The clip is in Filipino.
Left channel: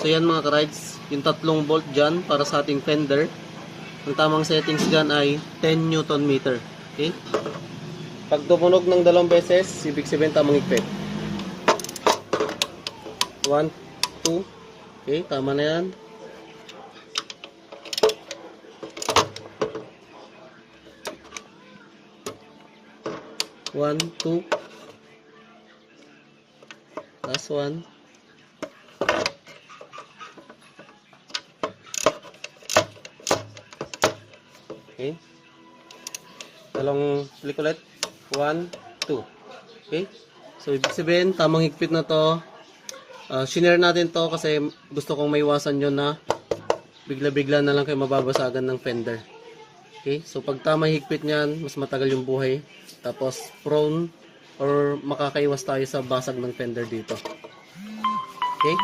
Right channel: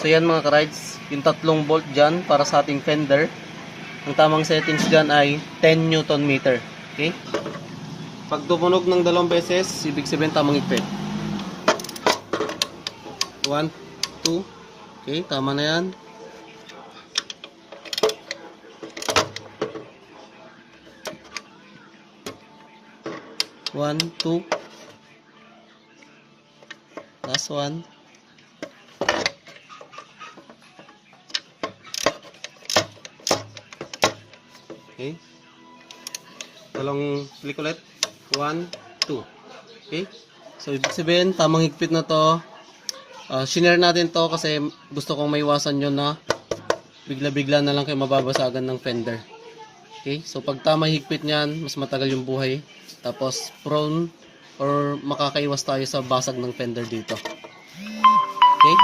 So yan mga ka-rides, yung 3 bolt dyan para sa ating fender. Ang tamang settings dyan ay 10 Newton meter. Okay? Pag tumunog ng 2 beses, ibig sabihin tamang higpit. 1, 2. Okay, tama na yan. One, two. Last one. Okay. Walang click ulit. 1, 2. Okay. So, ibig sabihin, tamang higpit na to. Shinare natin to kasi gusto kong maiwasan yun na bigla-bigla na lang kayo mababasagan ng fender. Okay. So, pag tamang higpit niyan, mas matagal yung buhay. Tapos, prone or makakaiwas tayo sa basag ng fender dito. Okay.